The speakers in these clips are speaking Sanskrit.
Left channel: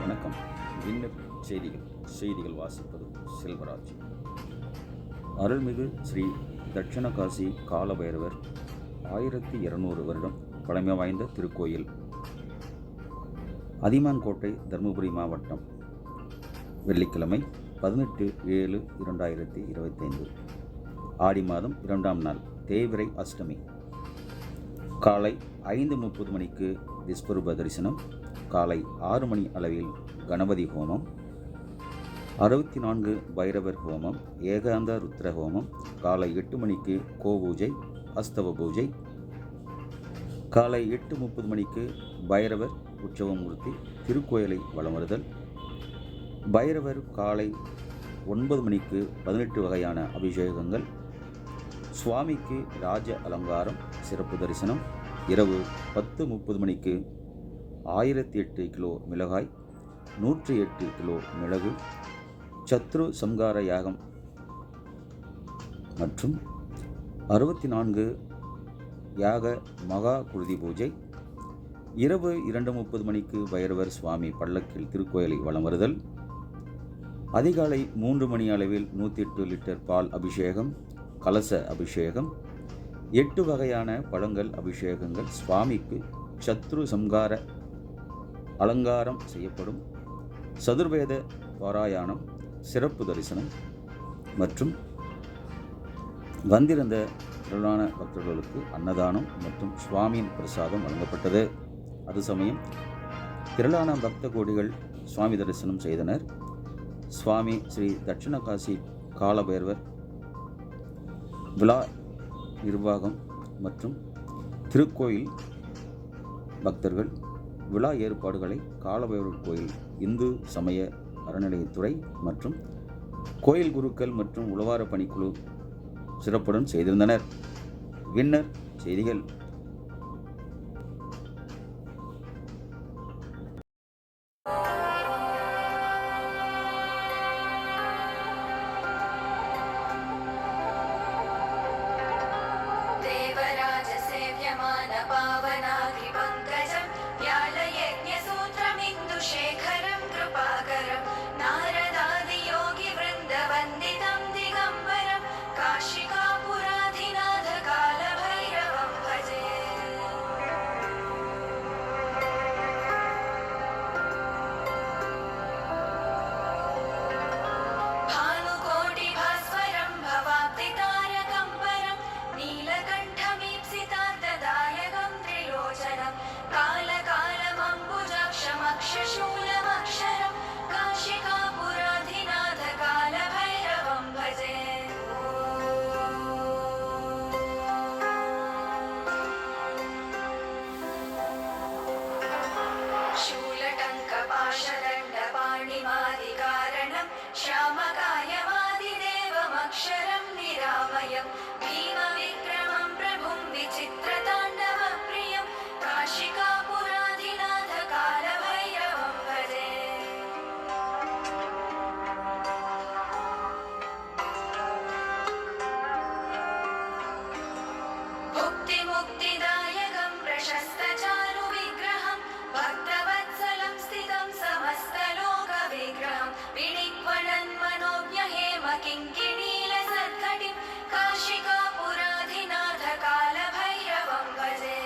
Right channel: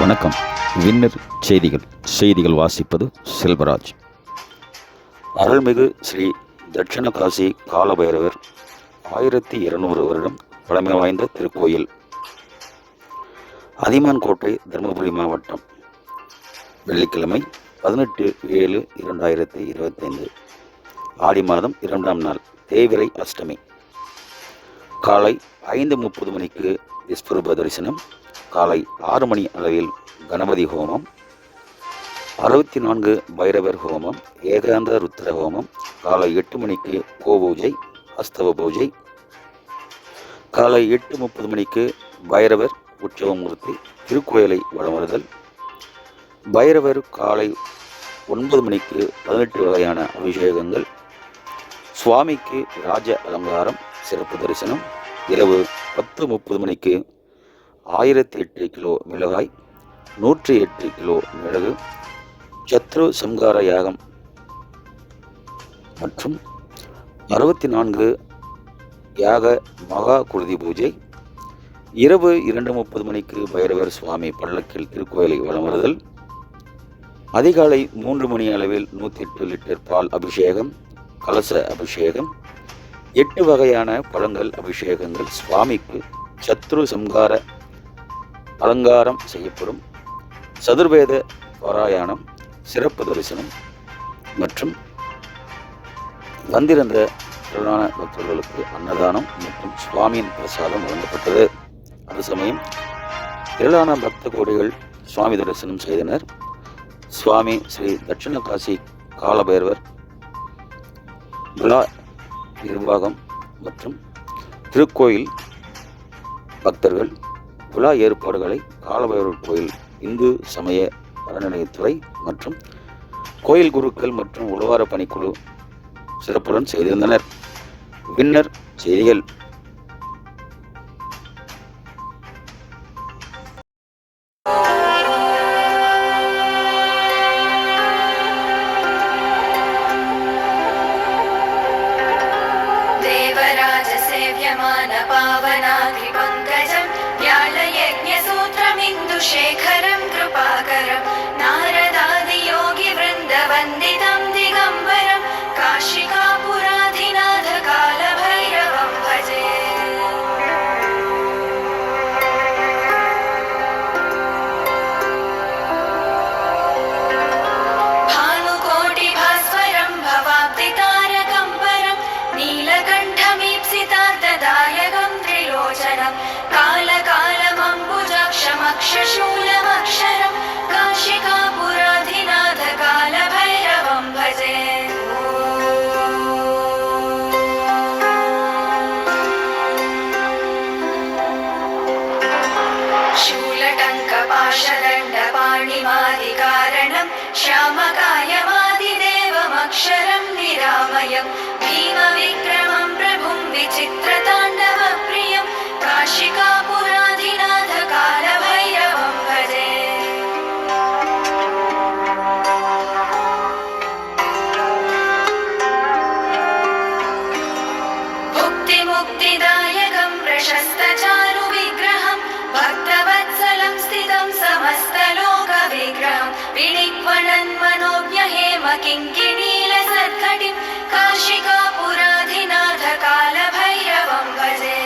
வணக்கம். வின்னர் செய்திகள் வாசிப்பது செல்வராஜ். அருள்மிகு ஸ்ரீ தட்சிணகாசி காலபைரவர் 1200 வருடம் பழமை வாய்ந்த திருக்கோயில். அதிமான்கோட்டை, தருமபுரி மாவட்டம். வெள்ளிக்கிழமை 18/7/2025 ஆடி மாதம் 2ஆம் நாள், தேய்பிறை அஷ்டமி. காலை 5:30 மணிக்கு விஸ்வரூப தரிசனம். காலை 6 மணி அளவில் கணபதி ஹோமம், 64 பைரவர் ஹோமம், ஏகாந்த ருத்ர ஹோமம். காலை 8 மணிக்கு கோபூஜை, அஸ்தவ பூஜை. காலை 8:30 மணிக்கு பைரவர் உற்சவமூர்த்தி திருக்கோயிலை வலம் வருதல். பைரவர் காலை 9 மணிக்கு 18 வகையான அபிஷேகங்கள். சுவாமிக்கு ராஜ அலங்காரம், சிறப்பு தரிசனம். இரவு 10:30 மணிக்கு 1008 கிலோ மிளகாய், 108 கிலோ மிளகு, சத்ரு சம்கார யாகம் மற்றும் 64 யாக மகா குருதி பூஜை. இரவு 2:30 மணிக்கு பைரவர் சுவாமி பல்லக்கில் திருக்கோயிலை வலம் வருதல். அதிகாலை 3 மணி அளவில் 108 லிட்டர் பால் அபிஷேகம், கலச அபிஷேகம், 8 வகையான பழங்கள் அபிஷேகங்கள். சுவாமிக்கு சத்ரு சம்கார அலங்காரம் செய்யப்படும். சதுர்வேத பாராயணம், சிறப்பு தரிசனம் மற்றும் வந்திருந்த திரளான பக்தர்களுக்கு அன்னதானம் மற்றும் சுவாமியின் பிரசாதம் வழங்கப்பட்டது. அது சமயம் திரளான பக்த கோடிகள் சுவாமி தரிசனம் செய்தனர். சுவாமி ஸ்ரீ தட்சிணகாசி காலபைரவர் விழா நிர்வாகம் மற்றும் திருக்கோயில் பக்தர்கள் விழா ஏற்பாடுகளை காலபைரவர் கோயில் இந்து சமய அறநிலையத்துறை மற்றும் கோயில் குருக்கள் மற்றும் உழவார பணிக்குழு சிறப்புடன் செய்திருந்தனர். வின்னர் செய்திகள். शेखरं कृपाकरं नारदादियोगिवृन्दवन्दितं दिगम्बरं काशिकापुराधिनाथकालभैरवं भजे। भानुकोटिभास्वरं भवाब्दितारकं परं नीलकण्ठमीप्सितार्थदायकं त्रिलोचनं कालकालमम्बुजाक्षमक्षशूलमक्षरं काशिकापुराधिनाथकालभैरवं भजे। शूलटङ्कपाशदण्डपाणिमादिकारणं श्यामकायमादिदेवमक्षरं निरामयं भीमविक्रमं प्रभुं विचित्रताण्डवप्रियं काशिकापुराधिनाथकालभैरवं भजे। भुक्तिमुक्तिदायकं प्रशस्तचारुविग्रहं भक्तवत्सलं स्थितं समस्तलोकविग्रहं विनिक्वणन्मनोज्ञहेमकिङ्किणीलसत्कटिं काशिकापुराधिनाथकालभैरवं भजे।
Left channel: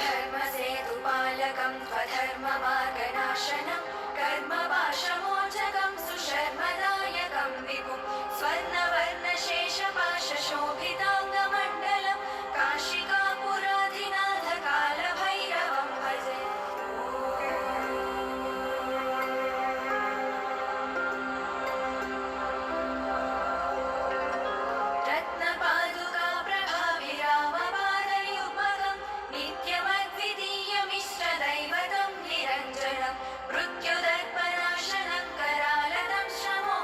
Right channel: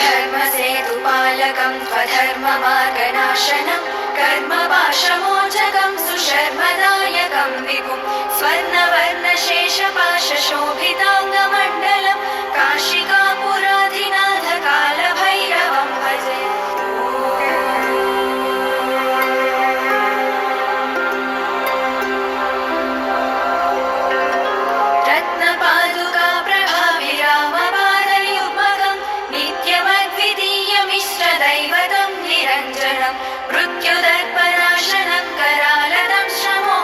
धर्मसेतुपालकं त्वधर्ममार्गनाशनं कर्मपाशमोचकं सुशर्मदायकं विपुं स्वर्णवर्णशेषपाशशोभिताङ्गमण्डलं काशिकापुराधिनाथकालभैरवं भजे। रत्नपादुकाप्रभाभिरामपादयुग्मकं नित्यमद्वितीयमिष्टदैवतं निरञ्जनं मृत्युदर्पणाशनं करालदं श्रमो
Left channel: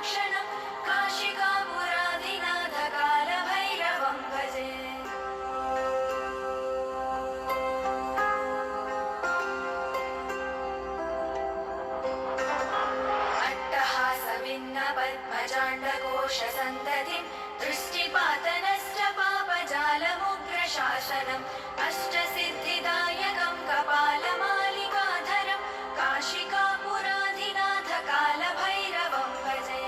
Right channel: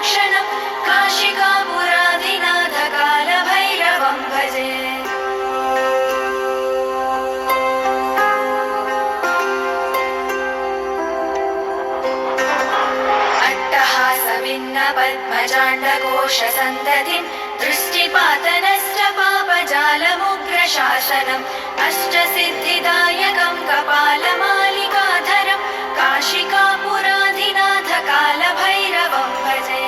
पद्मजाण्डकोशसन्ततिं दृष्टिपातनश्च पापजालमुग्रशासनम् अष्टसिद्धिदायकं कपालमालिकाधरं काशिकापुराधिनाथकालभैरवं भजे।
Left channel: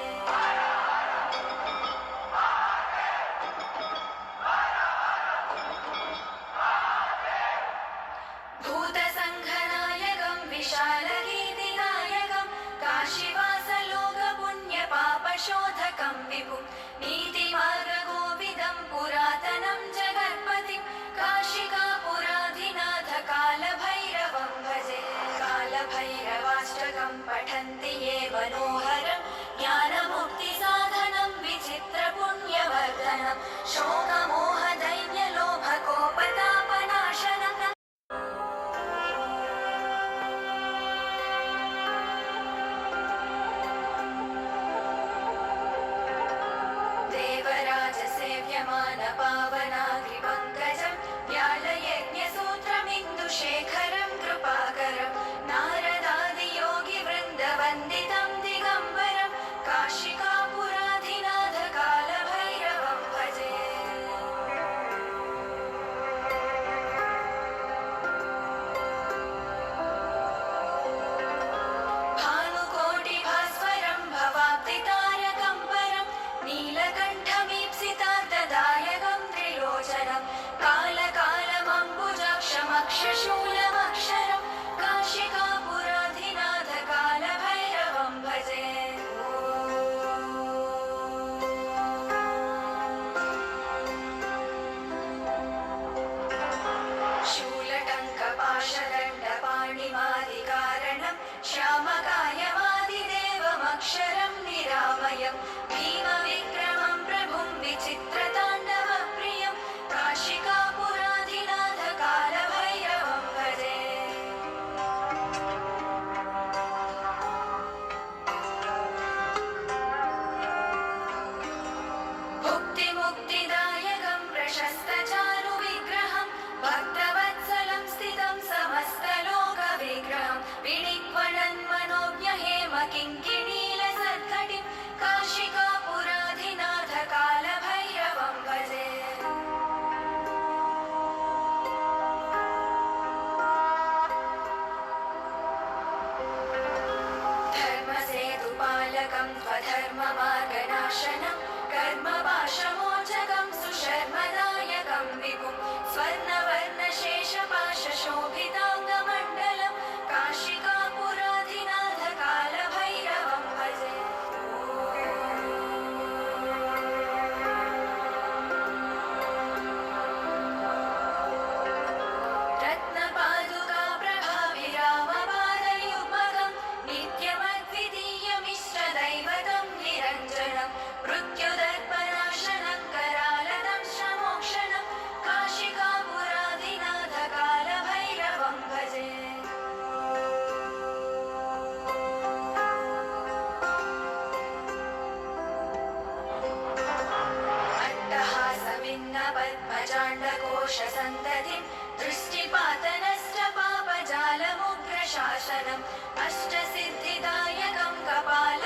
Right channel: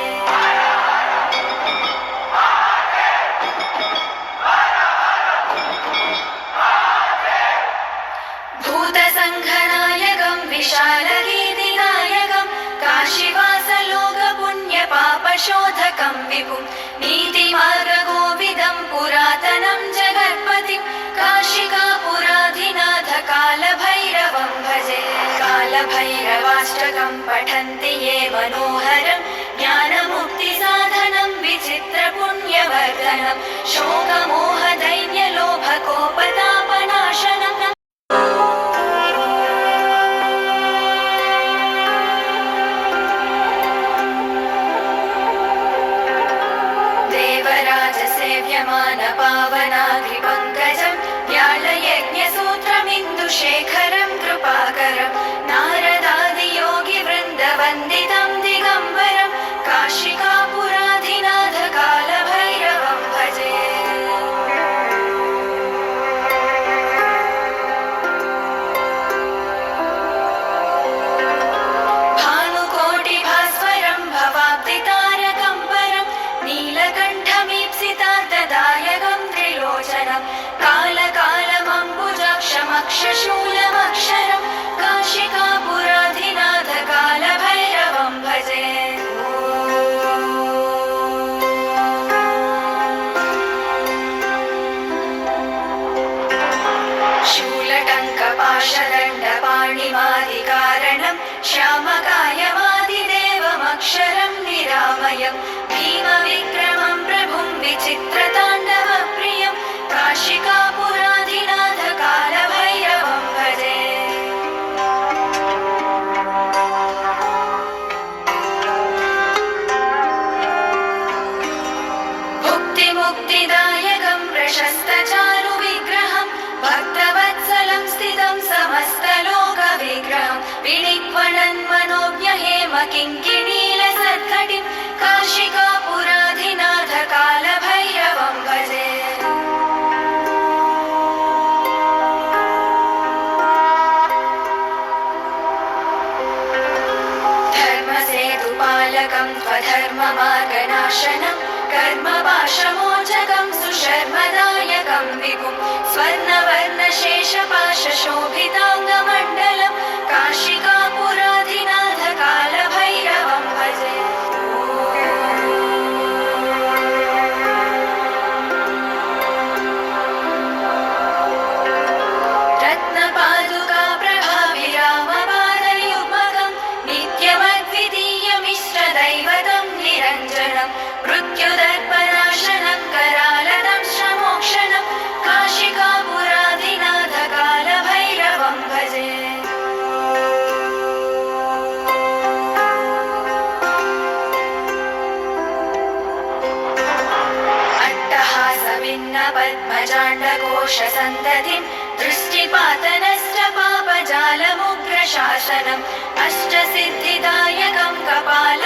भूतसङ्घनायकं विशालगीतिनायकं काशीवासलोकपुण्यपापशोधकं विभुं नीतिमार्गकोविदं पुरातनं जगत्पतिं काशिकापुराधिनाथकालभैरवं भजे। कालभैरवाष्टकं पठन्ति ये मनोहरं ज्ञानमुक्तिसाधनं विचित्रपुण्यवर्धनं शोकमोहदैन्यलोभकोपतापनाशनं देवराजसेव्यमानपावनाग्रिपङ्कजं व्यालयज्ञसूत्रमिन्दुशेखरं कृपाकरं नारदादियोगिवृन्दवन्दितं दिगम्बरं काशिकापुराधिनाथकालभैरवं भजे। भानुकोटिभास्वरं भवाब्दितारकं परं नीलकण्ठमीप्सितार्थदायकं त्रिलोचनं कालकालमम्बुजाक्षमक्षशूलमक्षरं काशिकापुराधिनाथकालभैरवं भजे। शूलटङ्कपाशदण्डपाणिमादिकारणं श्यामकायमादिदेवमक्षरं निरामयं भीमविक्रमं प्रभुं विचित्रताण्डवप्रियं काशिकापुराधिनाथकालभैरवं भजे। भुक्तिमुक्तिदायकं प्रशस्तचारुविग्रहं भक्तवत्सलं स्थितं समस्तलोकविग्रहं विनिक्वणन्मनोज्ञहेमकिङ्किणीलसत्कटिं काशिकापुराधिनाथकालभैरवं भजे। धर्मसेतुपालकं त्वधर्ममार्गनाशनं कर्मपाशमोचकं सुशर्मदायकं विभुं स्वर्णवर्णशेषपाशशोभिताङ्गमण्डलं काशिकापुराधिनाथकालभैरवं भजे। रत्नपादुकाप्रभाभिरामपादयुग्मकं नित्यमद्वितीयमिष्टदैवतं निरञ्जनं मृत्युदर्पनाशनं करालदंशमोक्षणं काशिकापुराधिनाथकालभैरवं भजे। अट्टहासभिन्नपद्मजाण्डकोशसन्ततिं दृष्टिपातनश्च पापजालमुग्रशासनम् अष्टसिद्धिदायकं कपाल